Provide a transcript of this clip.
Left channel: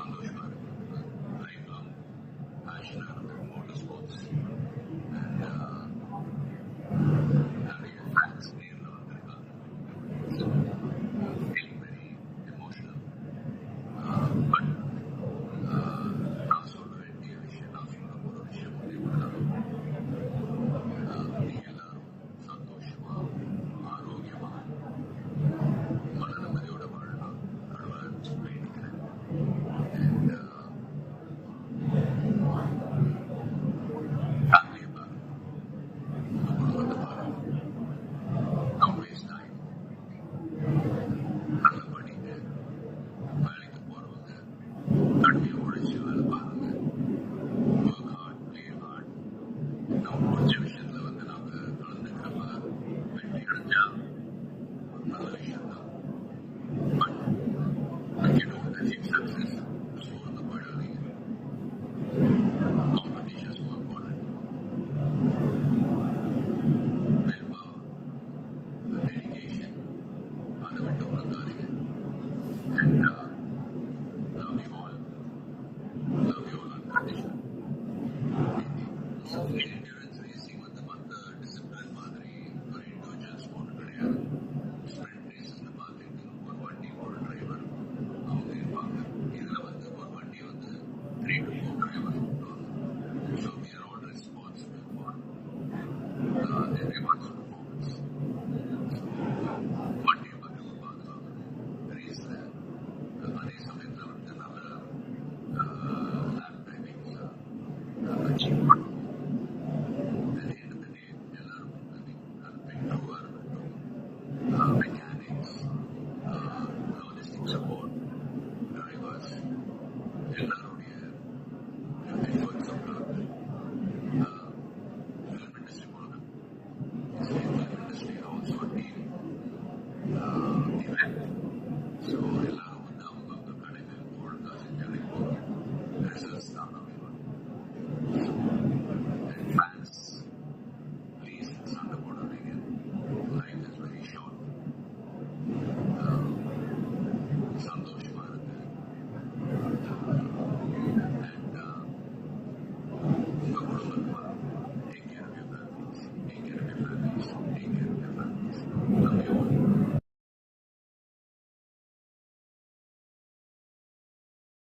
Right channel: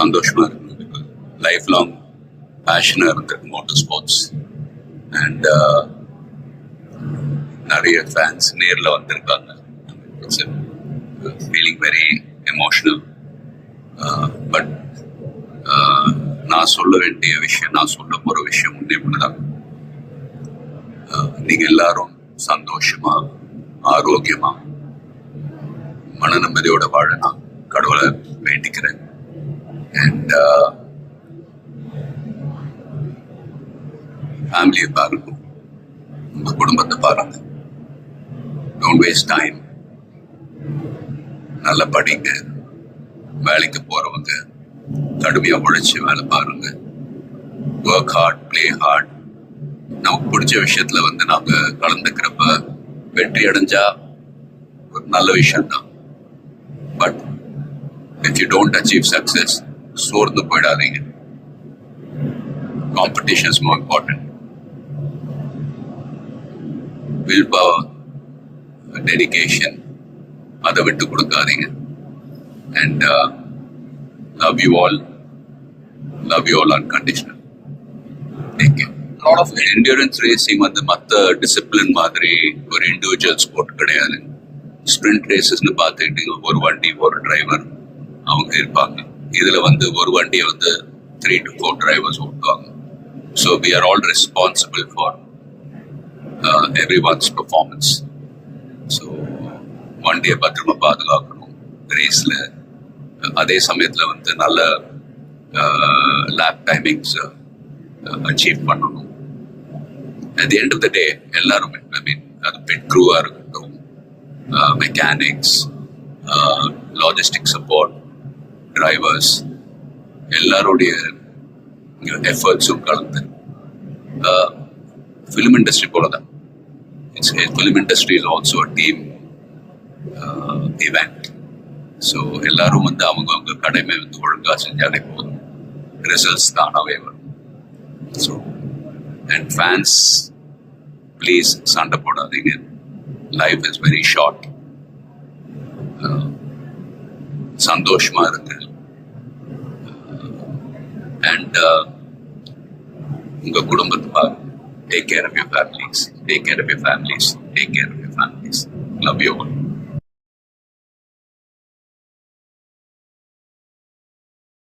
சந்தோஷமா இருக்கு. Life long பேஷனாக இருந்திருக்கு மோட்டர் ஸ்போர்ட்ஸ். அண்ட் நிறைய ஃபேன்ஸ் நேரில் வந்திருக்காங்க. It's feeling very emotional. But நான் சொல்ல வேண்டிய விஷயம், நான் சொல்ல போகிற விஷயம் இப்படிதான். நீங்கள் எல்லாரும் சந்தோஷமா, ஆரோக்கியமா, மன நிம்மதியோட வாழ நான் கடவுளை வேண்டிக்கிறேன். அண்ட் ஃபேமிலியை பாருங்க, உங்க குடும்பத்தை பாருங்க. Don't waste time. நல்லா படிங்க. வேலைக்கு போறவங்க கடுமையா உழைச்சி வேலை பாருங்க. Work hard, play hard. நமக்கு பிடிச்ச விஷயத்துல நாம கலந்துக்கிறப்ப வெற்றி அடைஞ்சா ஒரு நல்ல விஷயம் தான். But if you don't achieve success, சோர்ந்து போயிடாதீங்க. Competition is more important. Will power, dedication, அதை விட்டு கொடுக்காதீங்க. And love you all unconditional. Take care. lot of endurance racing மற்ற டிசிப்ளின் மாதிரி ஒரு இண்டிவிஜுவல் ஸ்போர்ட் கிடையாது. ஸ்ப்ரிண்ட் ரேசஸ்னு பார்த்துக்கிட்டீங்க, ஒரு வண்டி ஒரு டிரைவர் அவங்க இருப்பாங்க. இதுல ஒரு வண்டியை 3 to 4 டிரைவர்ஸ் ஓட்டுவாங்க. So we are all responsible for everyone's performance. So வண்டியை பத்திரமா பாதுகாக்கணும் ரேஸ்ல. அதே சமயத்துல நல்ல லேப் டைமிங்ஸ் அச்சீவ் பண்ணணும். At the end of the day எல்லாருமே, ஐ மீன் அது பிட் க்ரூவா இருக்கட்டும், மெக்கானிக்ஸ், லாஜிஸ்டிக் சப்போர்ட், டிரைவர்ஸ், எல்லாருடைய எஃபர்ட்ஸும் கலந்து ஃபிலிம் இண்டஸ்ட்ரி போலதான். Film industry is also a team event. So எல்லாரும் அவங்க கடமை ஒழுங்கா செஞ்சாலே போதும், ரிசல்ட்ஸ் தானாவே வரும். ஸோ அண்ட் ஃபேன்ஸ், ப்ளீஸ் சண்டை போடாதீங்க. Life is very short. சந்தோஷமா இருக்கு. அண்ட் உங்க குடும்பத்தை பாருங்க. Take care of your families. Take care of your families. Take care of your families. Love you all.